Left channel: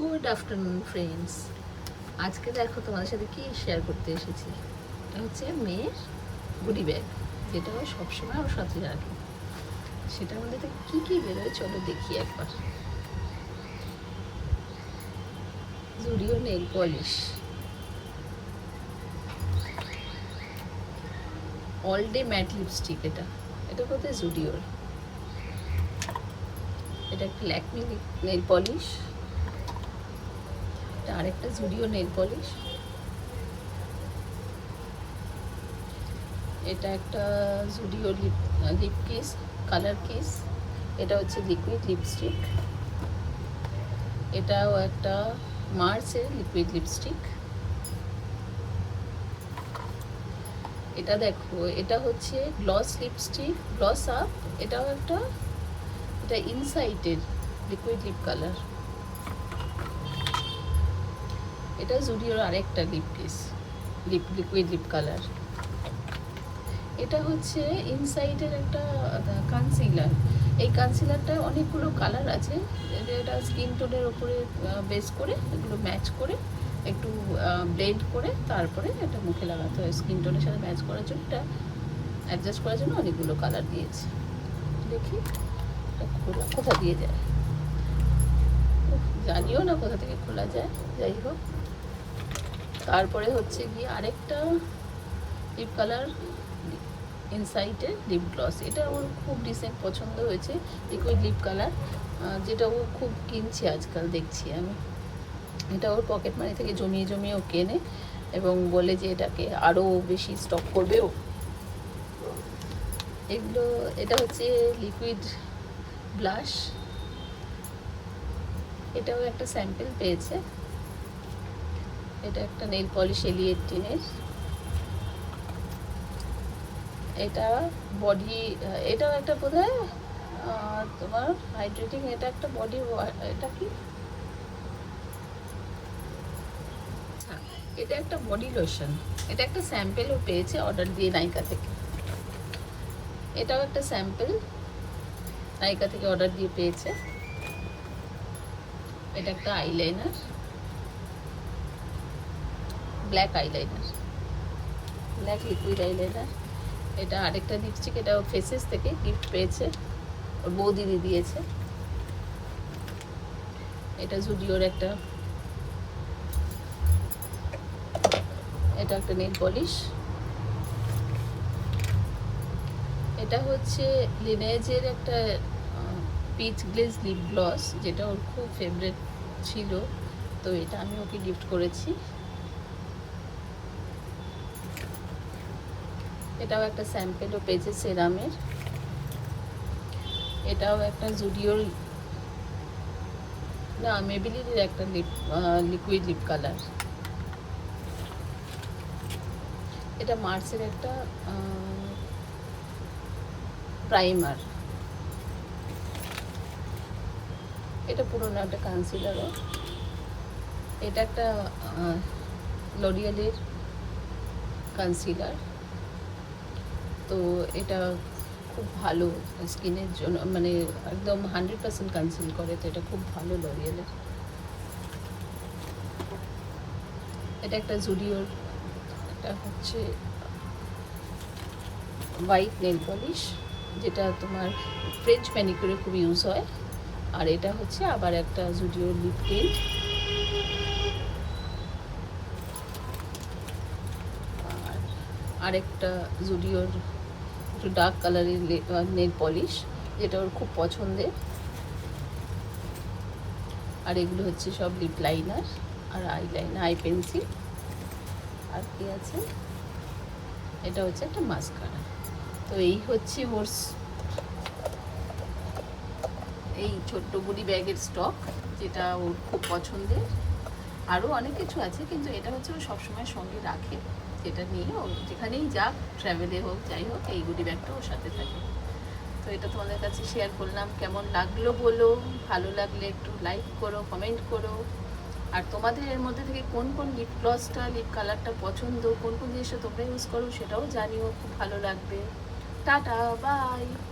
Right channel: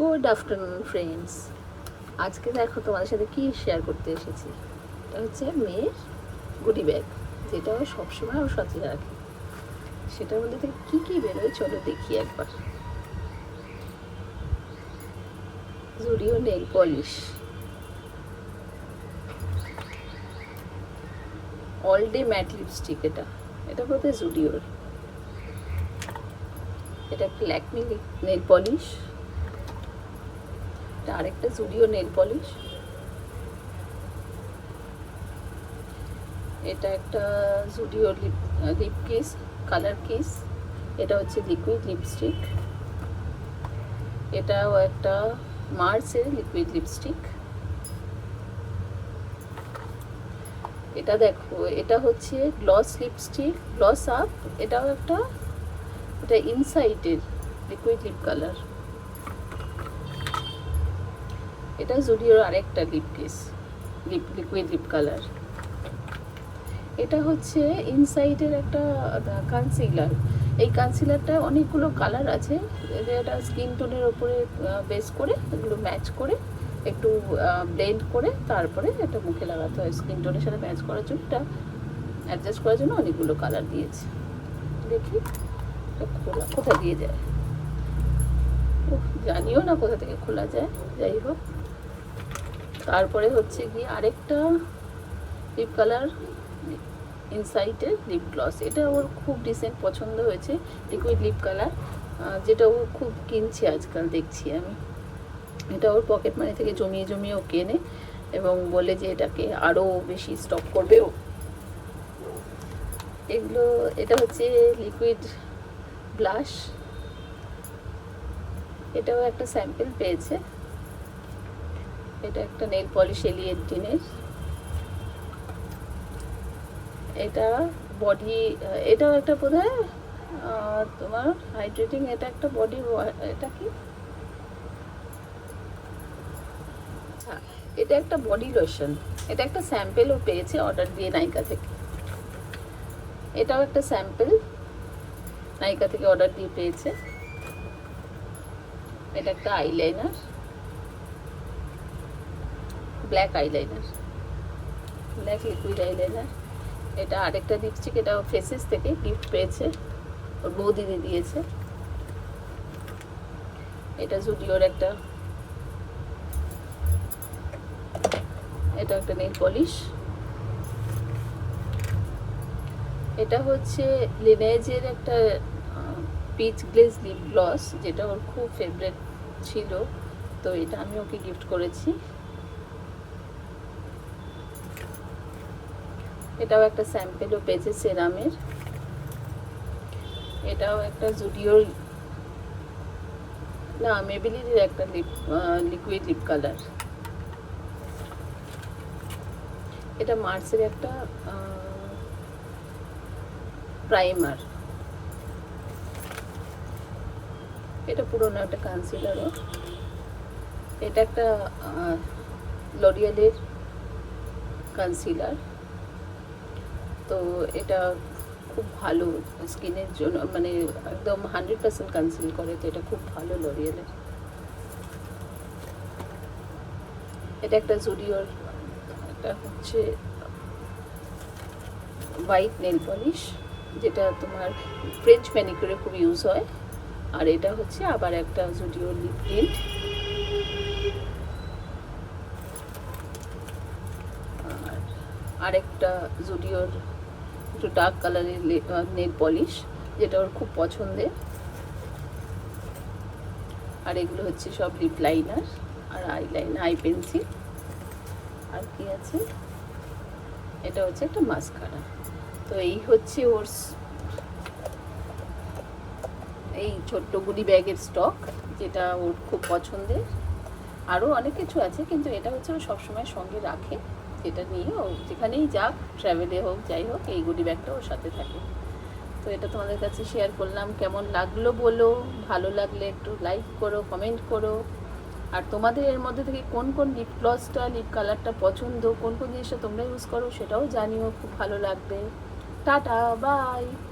Good afternoon friends. আজকে দেখো তোমাদের সাথে কি শেয়ার করতে এসেছি। এটা হচ্ছে মেয়ের গুডি ব্যাগ, যেটা ও সবসময় ওর সাথে রাখে। সেটার মধ্যে থেকে কী কী বেরোয় চলো দেখি একবার। Zudio nail polish, all day mat lipstick, এটা বোধহয় জুডিওর। এটা একটা ল্যাকমি নেল পলিশ, আরেকটা জুডিও নেল পলিশ, এটা একটা Zudio lip kiss, colour kiss, এটা হচ্ছে লিকুইড লিপস্টিক, এটাও একটা মার্সের লিকুইড লিপস্টিক। এটা দেখো, এটা হচ্ছে গ্লস লিপস্টিক, গ্লস আপ, এটাও একটা, এটা ইনসাইটের লিকুইড লিপ কালার। এটা জুডিওর আরেকটা lip kiss, liquid lip colour. এটা হচ্ছে ইনসাইডের একটা কনসিলার। এই কনসিলারটায় অনেকগুলো কালার আছে, এটা স্কিন টোনের উপরে বেস করে এগুলো ম্যাচ করে একটু ব্লেন্ড করে তারপরে এটা মুখে লাগাতে হয়। স্কিন টোনের সাথে ম্যাচ করার জন্য, এটা অ্যাডজাস্ট করার জন্য অনেকগুলো কালার দিয়েছে। দেখি এটা খোলা কোথা দিয়ে যায়, জানিও না কোথা থেকে খোলা যায়। যাই হোক, তারপরে হচ্ছে কি আরেকটা লিপ কালার, ইনসাইটের লিপ গ্লস। এটা ওর খুব ডিসেন্ট পছন্দ হয়েছে, লিকুইড লিপ কালার, যেটা ও খুব কিনছে আজকাল দেখছি আমি। এটা ওর পকেট মানি থেকে জমিয়ে জমিয়ে ও কেনে এবং বলে যে এটাকে আরও বেশি স্টক করবে ও। এগুলো, এটা হচ্ছে লিকুইড ব্লাশ, এটাও একটা স্যাম্পল পেয়েছে। এটা একটা নেল পলিশ এলিয়েটিনের, এটা বডি, এটাও একটা বোধহয় তোমার হাইড্রেটিং, এটা একটা বডি, এটা কি, এটা একটা বডি লোশন। এটা একটা স্যাম্পেলও পেয়েছে অর্ডার দিয়ে নাইকা থেকে। এটাও একটা স্যাম্পল নাইকা থেকে অর্ডার দিয়ে পেয়েছে। এটা একটা eyeliner, black eyeliner, black liquid eyeliner. এটা আরেকটা লিপস্টিক, এটা ফেসেস থেকে গিফট পেয়েছে, ওর বৌদিদি দিয়েছে। এটা জুডিওর একটা, এটা একটা নেল পলিশ। এটা হচ্ছে লিনেজের একটা পিচ গ্লেজ লিপ গ্লস, যেটা ওর খুব ফেভারিট ছিল, তো এটা আমি ওকে গিফট করেছি। এটাও একটা স্যাম্পেলও পেয়েছে সেরামের। এটাও একটা জুডিওর, না মেবেলিনের একটা লিকুইড লিপ কালার। এটা মার্সের একটা প্রাইমার। এটা পুরোনো একটা কনসিলার। এটা একটা লরিয়ালের কনসিলার, তো এটা খুব ভালো স্কিনের জন্য, মানে একদম 100% কনসিল করে, তো এটা খুব ভালো লরিয়ালের। এটা একটা জুডিওর, এটা হচ্ছে হোয়াইট নেল পলিশ, যেটা তোমার ফ্রেঞ্চ ম্যানিকিউরে খুব ইউজ হয়। আর এটা হচ্ছে আবার একটা জুডিওর লিপ টিন্ট। আরেকটা জুডিওর একটু ডার্ক কালারের নেল পলিশ, যেটা ওর খুব পছন্দের। আর এগুলো হচ্ছে সব লিপ লাইনার আর আইলাইনার, আই পেন্সিল। আর কি আছে, এটা হচ্ছে একটা মাস্কারা। তো এই হচ্ছে ওর এই ছোট্ট গুডি ব্যাগের স্টক, যেটা ওর খুব পছন্দের। আরও অনেক কিছু আছে, কিন্তু এটা হচ্ছে ও সবসময় সঙ্গে রাখে। এটা নিয়ে ও যেখানেই যাক, ট্রাভেলে হোক যাই হোক, এই গুডি ব্যাগটা ওর সাথে থাকে। তো এটা তোমাদের কাছে শেয়ার করলাম। কেমন লাগলো বলো, ভালো লাগলে একটু লাইক করো, কমেন্ট করো। আর তোমাদের এর মধ্যে থেকে কোন কোন লিপ গ্লসটা, লিপ কালারটা পছন্দ, কোন কোন জিনিসটা তোমরা ইউজ করো সেটাও জানিও, খুব ভালো লাগবে। Tata, by.